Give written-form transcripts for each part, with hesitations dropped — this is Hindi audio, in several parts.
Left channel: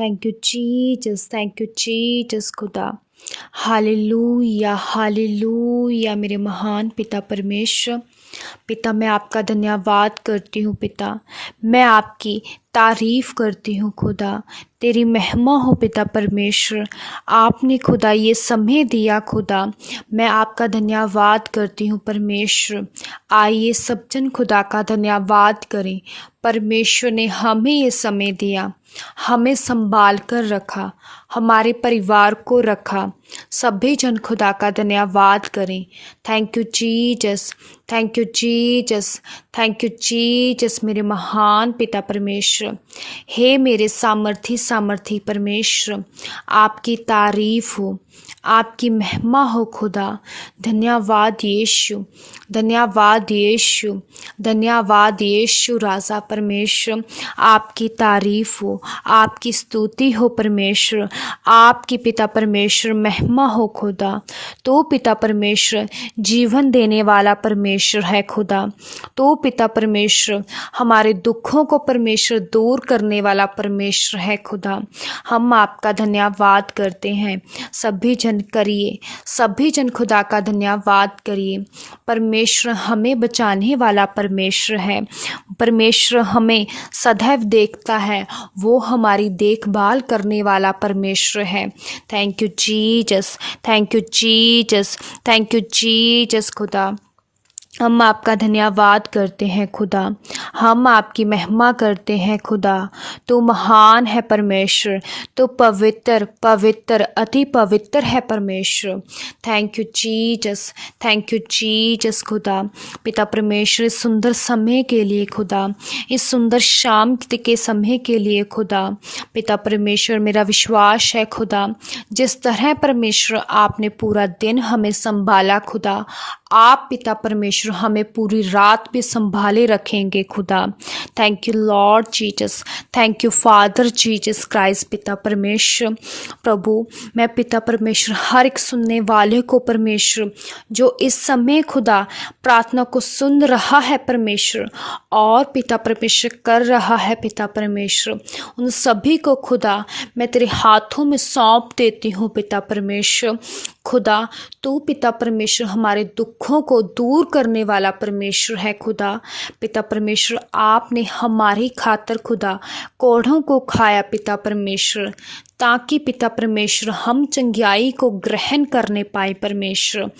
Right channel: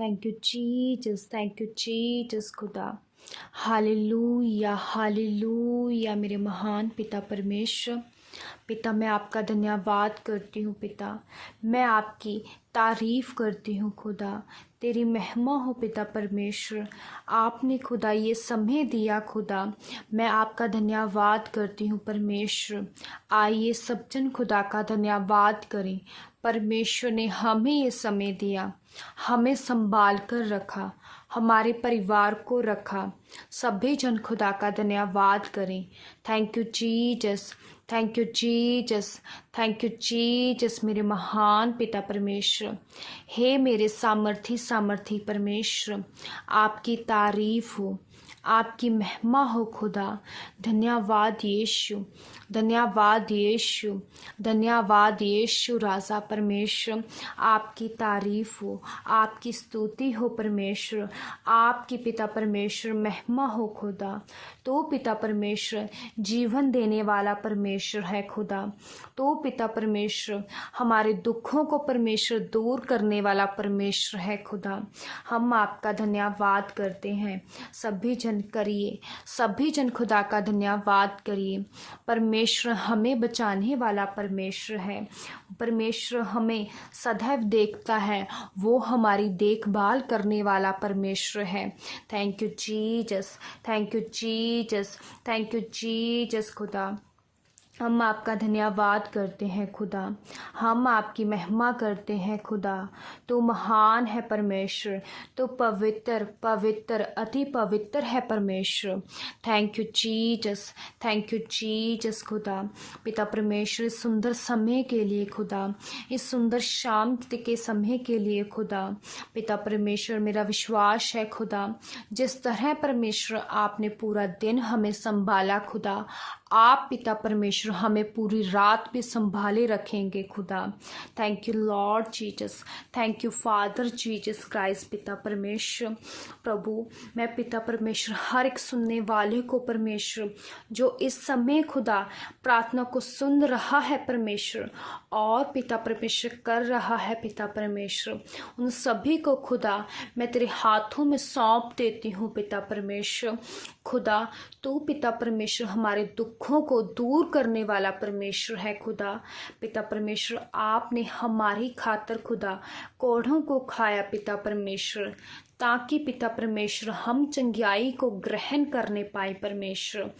Thank you Jesus, thank you Jesus खुदा। हालेलुया, हालेलुया मेरे महान पिता परमेश्वर। पिता, मैं आपका धन्यवाद करती हूँ पिता, मैं आपकी तारीफ़ करती हूँ खुदा। तेरी महिमा हो पिता परमेश्वर। आपने खुदा ये समय दिया खुदा, मैं आपका धन्यवाद करती हूँ परमेश्वर। आइए सब जन खुदा का धन्यवाद करें। परमेश्वर ने हमें ये समय दिया, हमें संभाल कर रखा, हमारे परिवार को रखा। सभी जन खुदा का धन्यवाद करें। Thank you Jesus, thank you Jesus, thank you Jesus मेरे महान पिता परमेश्वर। हे मेरे सामर्थी परमेश्वर, आपकी तारीफ हो, आपकी महिमा हो खुदा। धन्यवाद यीशु, धन्यवाद यीशु, धन्यवाद यीशु राजा परमेश्वर। आपकी तारीफ हो, आपकी स्तुति हो परमेश्वर। आपकी पिता परमेश्वर महिमा हो खुदा। तो पिता परमेश्वर जीवन देने वाला परमेश्वर है खुदा। तो पिता परमेश्वर हमारे दुखों को परमेश्वर दूर करने वाला परमेश्वर है खुदा। हम आपका धन्यवाद करते हैं। सभी जन करिए, सभी जन खुदा का धन्यवाद करिए। परमेश्वर हमें बचाने वाला परमेश्वर है। परमेश्वर हमें सदैव देखता है, वो हमारी देखभाल करने वाला परमेश्वर है। Thank you Jesus, thank you Jesus, thank you Jesus खुदा। हम आपका धन्यवाद करते हैं खुदा, हम आपकी महिमा करते हैं खुदा। तो महान है परमेश्वर, तो पवित्र पवित्र अति पवित्र है परमेश्वर। Thank you Jesus, thank you Jesus खुदा। पिता परमेश्वर इस सुंदर समय के लिए खुदा, इस सुंदर शाम के समय के लिए खुदा। पिता परमेश्वर मेरा विश्वास है खुदा, जिस तरह परमेश्वर आपने पूरा दिन हमें संभाला खुदा, आप पिता परमेश्वर हमें पूरी रात भी संभाले रखेंगे खुदा। Thank you Lord Jesus, thank you father Jesus Christ. पिता परमेश्वर प्रभु, मैं पिता परमेश्वर हर एक सुनने वाले को परमेश्वर जो इस समय खुदा प्रार्थना को सुन रहा है परमेश्वर और पिता परमेश्वर कर रहा है पिता परमेश्वर, उन सभी को खुदा मैं तेरे हाथों में सौंप देती हूँ पिता परमेश्वर। खुदा तू पिता परमेश्वर हमारे दुखों को दूर करने वाला परमेश्वर है खुदा। पिता परमेश्वर आपने हमारी खातर खुदा कोढ़ों को खाया पिता परमेश्वर, ताकि पिता परमेश्वर हम चंगियाई को ग्रहण करने पाए परमेश्वर।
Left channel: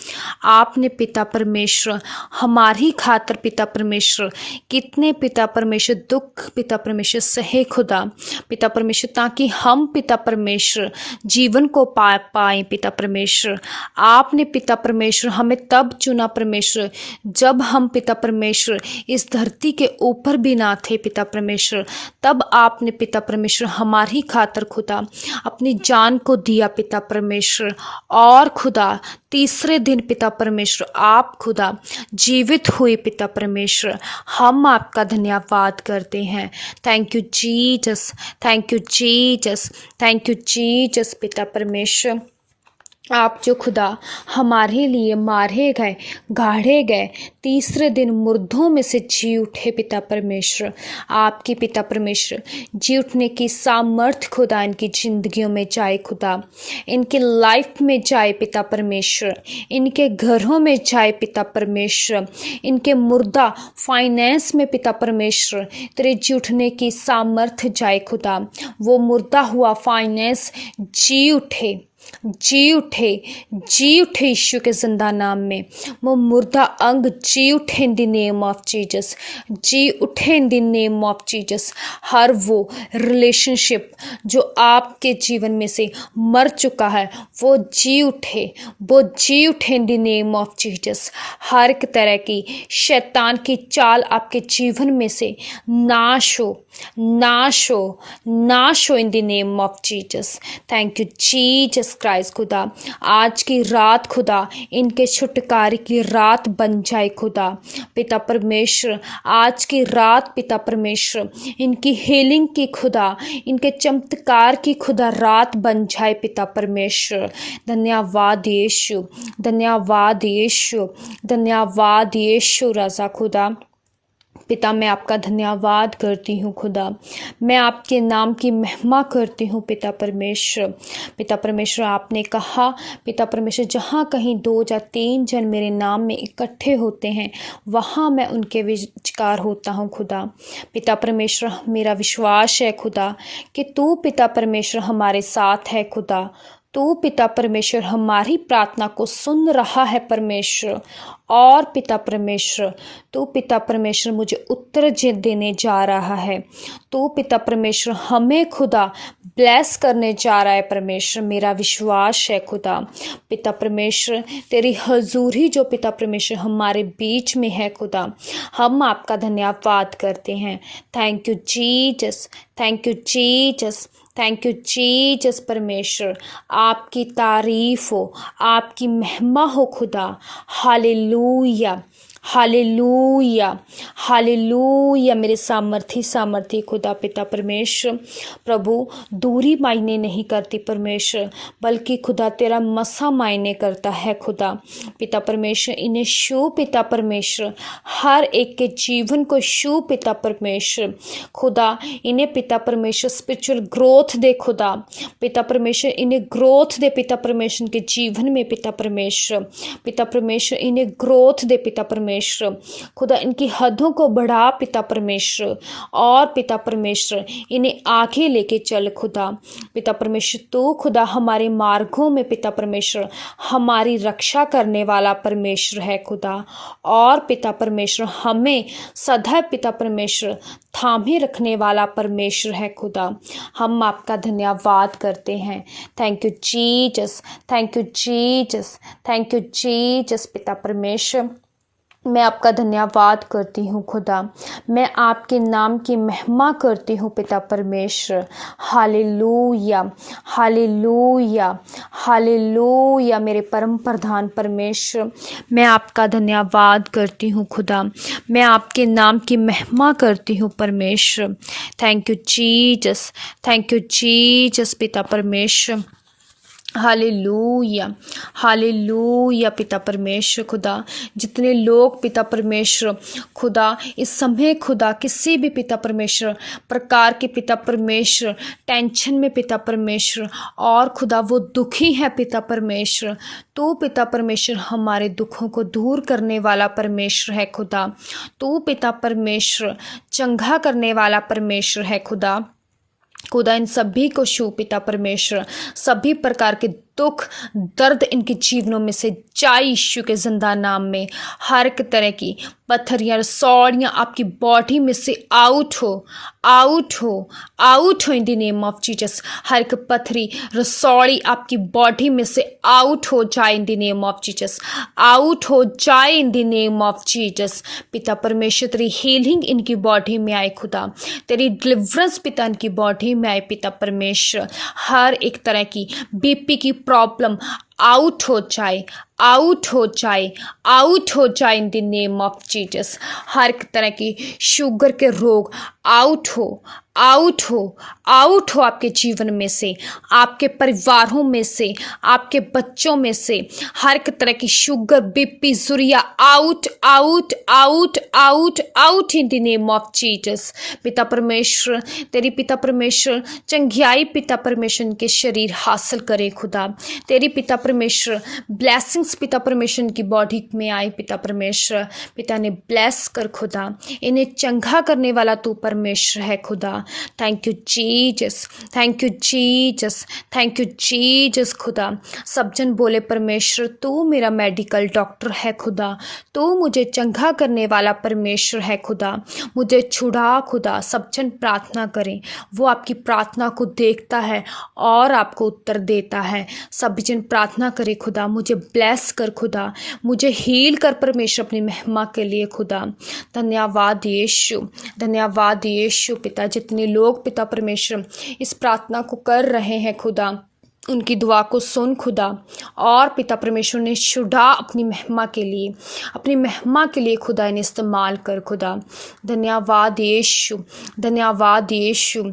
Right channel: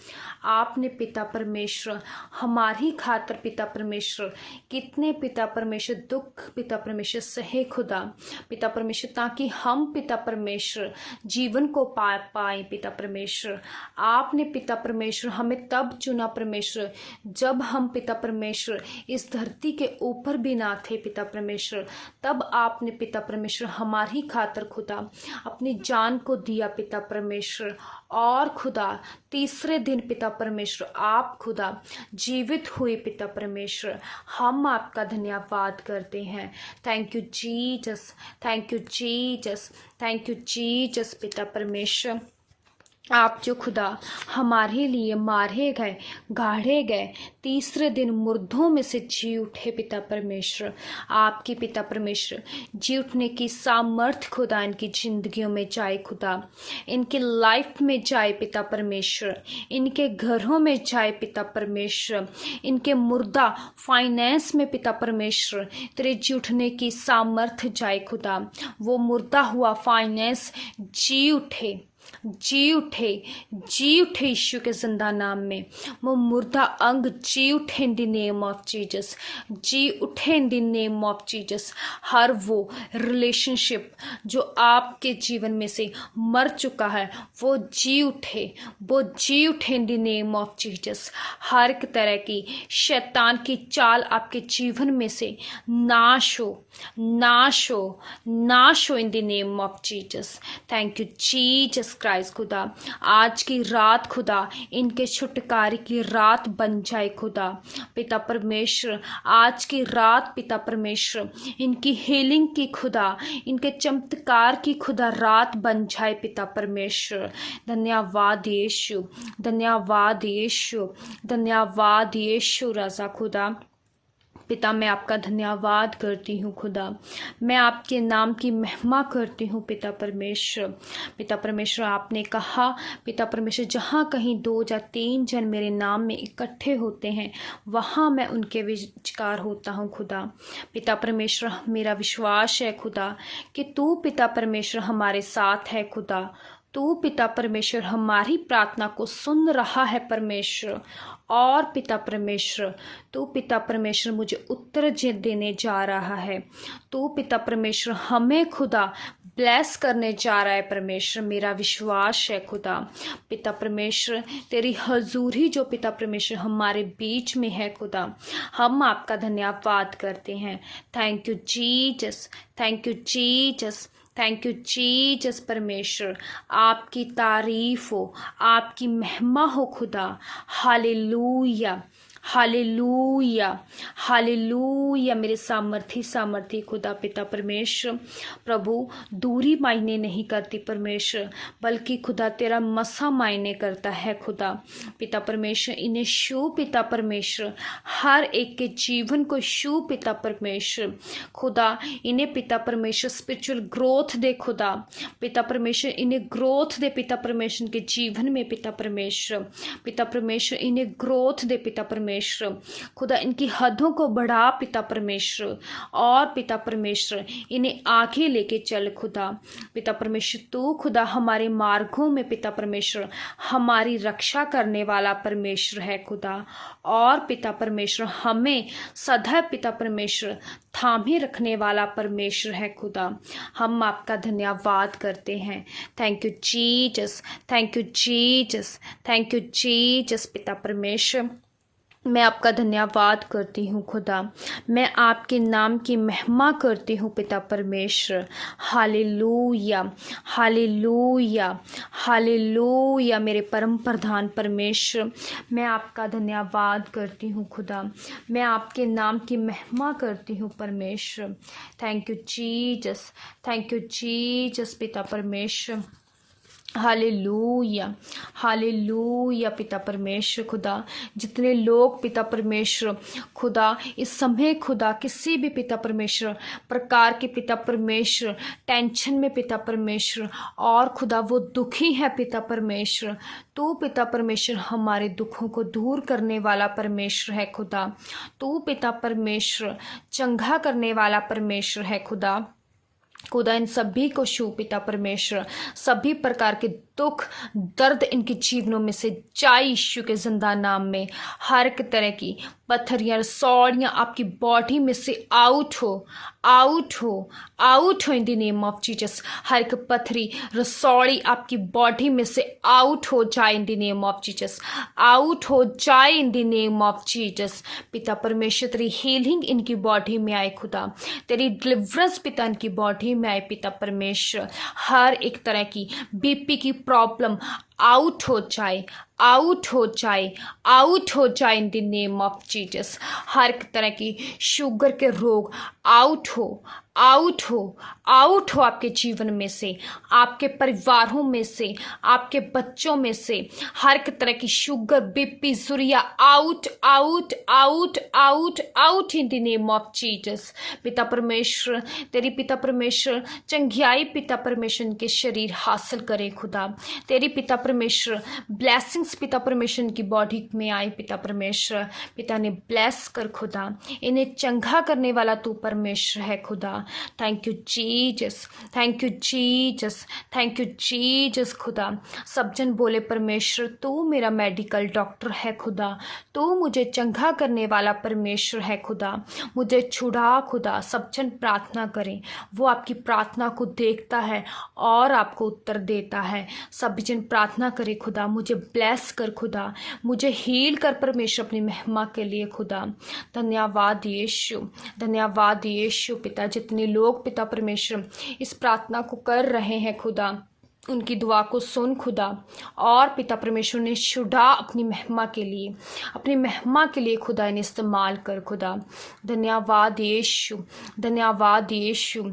आपने पिता परमेश्वर हमारी खातर पिता परमेश्वर कितने पिता परमेश्वर दुख पिता परमेश्वर सहे खुदा पिता परमेश्वर, ताकि हम पिता परमेश्वर जीवन को पा पाए पिता परमेश्वर। आपने पिता परमेश्वर हमें तब चुना परमेश्वर जब हम पिता परमेश्वर इस धरती के ऊपर भी ना थे पिता परमेश्वर, तब आपने पिता परमेश्वर हमारी खातर खुदा अपनी जान को दिया पिता परमेश्वर। और खुदा तीसरे दिन पिता परमेश्वर आप खुदा जीवित हुए पिता परमेश्वर। हम आपका धन्यवाद करते हैं। Thank you Jesus, thank you Jesus, thank you Jesus पिता परमेश्वर। आप जो खुदा हमारे लिए मारे गए, गाड़े गए, तीसरे दिन मुर्दों में से जी उठे पिता परमेश्वर। आपकी पिता परमेश्वर जी उठने की सामर्थ खुदा इनकी ज़िंदगियों में जाए खुदा, इनके लाइफ में जाए पिता परमेश्वर, इनके घरों में जाए पिता परमेश्वर, इनके मुर्दा फाइनेंस में पिता परमेश्वर तेरे जी उठने की सामर्थ जाए खुदा। वो मुर्दा हुआ फाइनेंस जी उठे, जी उठे, जी उठे यीशु के जिंदा नाम में। वो मुर्दा अंग जी उठे in the name of Jesus, जी उठे in the name of Jesus. हर वो रिलेशनशिप जो आपके जीवन में से मर चुका है वो जी उठे, वो जी उठे in the name of Jesus. हर एक तरह की शैतान की चाल आपके जीवन में से नाश हो, नाश हो, नाश हो in the name of Jesus. Thank you Jesus Christ खुदा। आज की रात खुदा इनके छुटकारे की रात बन जाए खुदा पिता परमेश्वर। आज की रात पिता परमेश्वर इनकी हीलिंग की खुदा, इनके चमत्कार की खुदा रात बन जाए पिता परमेश्वर। धन्यवाद यीशु, धन्यवाद यीशु, धन्यवाद यीशु राजा खुदा। पिता मैं आपका धन्यवाद करती हूँ खुदा, मैं आपके नाम की महिमा करती हूँ पिता परमेश्वर। पिता परमेश्वर आपने कहा पिता परमेश्वर जहाँ कहीं 2 या 3 जन मेरे नाम में इकट्ठे होते हैं वहाँ मैं उनके विचार होता हूँ खुदा। पिता परमेश्वर मेरा विश्वास है खुदा कि तू पिता परमेश्वर हमारे साथ है खुदा। तू पिता परमेश्वर हमारी प्रार्थना को सुन रहा है परमेश्वर। और पिता परमेश्वर तू पिता परमेश्वर मुझे उत्तर देने जा रहा है। तू पिता परमेश्वर हमें खुदा ब्लेस करने जा रहा है परमेश्वर। मेरा विश्वास है खुदा पिता परमेश्वर तेरी हजूरी जो पिता परमेश्वर हमारे बीच में है खुदा, हम आपका धन्यवाद करते हैं। Thank you Jesus, thank you Jesus, thank you Jesus परमेश्वर। आपकी तारीफ हो, आपकी महिमा हो खुदा। Hallelujah, hallelujah, hallelujah. मेरे सामर्थी खुदा पिता परमेश्वर प्रभु दूरी मायने नहीं करती परमेश्वर, बल्कि खुदा तेरा मसा मायने करता है खुदा। पिता परमेश्वर इन्हें शू पिता परमेश्वर, हर एक के जीवन को शू पिता परमेश्वर खुदा। इन्हें पिता परमेश्वर स्पिरिचुअल ग्रोथ दे खुदा। पिता परमेश्वर इन्हें ग्रोथ दे पिता परमेश्वर के जीवन में पिता परमेश्वर। पिता परमेश्वर इन्हें ग्रोथ दे पिता परमेश्वर खुदा। इनकी हदों को बढ़ा पिता परमेश्वर। और पिता परमेश्वर इन्हें आगे लेके चल खुदा। पिता परमेश्वर तू खुदा हमारे मार्गों में पिता परमेश्वर हमारी रक्षा करने वाला परमेश्वर है खुदा। और पिता परमेश्वर हमें सदैव पिता परमेश्वर थामे रखने वाला परमेश्वर है खुदा। हम आपका धन्यवाद करते हैं। Thank you Jesus, thank you Jesus, thank you Jesus पिता परमेश्वर। मैं आपका धन्यवाद करती हूँ खुदा, मैं आपके नाम की महिमा करती हूँ पिता परमेश्वर। Hallelujah, hallelujah, hallelujah. मेरे परम प्रधान परमेश्वर मैं आपका धन्यवाद करती हूँ खुदा, मैं आपके नाम की महिमा करती हूँ परमेश्वर। Thank you Jesus, thank you Jesus पिता परमेश्वर। हालेलुया, हालेलुया पिता परमेश्वर खुदा। जितने लोग पिता परमेश्वर खुदा इस समय खुदा किसी भी पिता परमेश्वर प्रकार के पिता परमेश्वर टेंशन में पिता परमेश्वर और खुदा वो दुखी है पिता परमेश्वर, तू पिता परमेश्वर हमारे दुखों को दूर करने वाला परमेश्वर है खुदा। तू पिता परमेश्वर चंगा करने वाला परमेश्वर है खुदा। खुदा इन सभी को छू पिता परमेश्वर, सभी प्रकार के दुख दर्द इनके जीवनों में से जाए यीशु के जिंदा नाम में। हर एक तरह की पत्थरियाँ रसौड़ियाँ आपकी बॉडी में से आउट हो, आउट हो, आउट हो in the name of Jesus. हर एक पत्थरी रसौड़ी आपकी बॉडी में से आउट हो जाए in the name of Jesus, out हो जाए in the name of Jesus. पिता परमेश्वर तेरी हीलिंग इनकी बॉडी में आए खुदा, तेरी डिलीवरेंस पिता इनकी बॉडी में आए पिता परमेश्वर। हर एक तरह की बीपी की प्रॉब्लम आउट हो जाए, आउट हो जाए, आउट हो जाए in the name of Jesus. हर एक तरह की शुगर के रोग आउट हो, आउट हो, आउट हो आपके जीवन में से, आपके परिवारों में से, आपके बच्चों में से। हर एक तरह की शुगर बीपी जुरिया out, out, out, out, out in the name of Jesus. पिता परमेश्वर तेरी पिता परमेश्वर चंगियाई पिता परमेश्वर के शरीर हासिल करे खुदा। तेरी पिता परमेश्वर ब्लेसिंग्स पिता परमेश्वर की बॉडी में आए पिता परमेश्वर। पिता ने ब्लेस कर खुदा, इन्हें चंगा करने वाला तू परमेश्वर है खुदा। Thank you Jesus, thank you Jesus, thank you Jesus खुदा। सब जन बोले परमेश्वर तू मेरा मेडिकल डॉक्टर है खुदा, तू मुझे चंगा करने वाला परमेश्वर है खुदा, मुझे छुड़ा खुदा। सब जन प्रार्थना करें, वो आपकी प्रार्थना को देखता है और आपको उत्तर देता है। सभी जन प्रार्थना करे खुदा, मुझे ब्लेस कर खुदा, मुझे हील कर परमेश्वर अपनी महिमा के लिए खुदा। धन्यवाद यीशु, धन्यवाद यीशु पिता। जितने लोग पिता परमेश्वर इस प्रार्थना को कर रहे हैं खुदा, उनकी दुआ को सुन खुदा। और पिता परमेश्वर ने छुड़ा अपनी महिमा के लिए, अपनी महिमा के लिए खुदा इन्हें इस्तेमाल कर खुदा। धन्यवाद यीशु, धन्यवाद यीशु।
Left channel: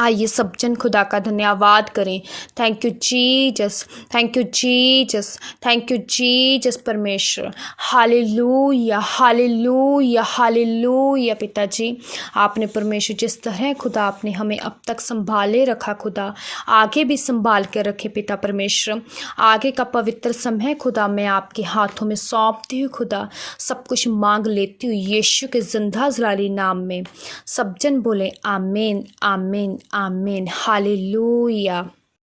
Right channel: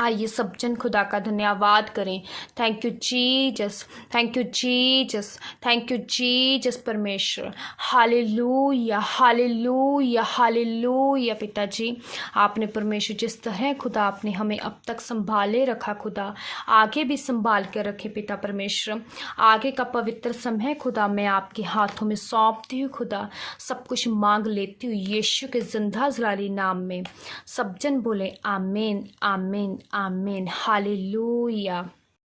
आइए सब जन खुदा का धन्यवाद करें। Thank you Jesus, thank you Jesus, thank you Jesus परमेश्वर। हालेलुया, हालेलुया, हालेलुया पिताजी। आपने परमेश्वर जिस तरह खुदा आपने हमें अब तक संभाले रखा खुदा, आगे भी संभाल के रखे पिता परमेश्वर। आगे का पवित्र समय खुदा मैं आपके हाथों में सौंपती हूँ खुदा। सब कुछ मांग लेती हूँ यीशु के जिंदा जलाली नाम में। सब जन बोले आमीन, आमीन, आमीन। हालेलुया।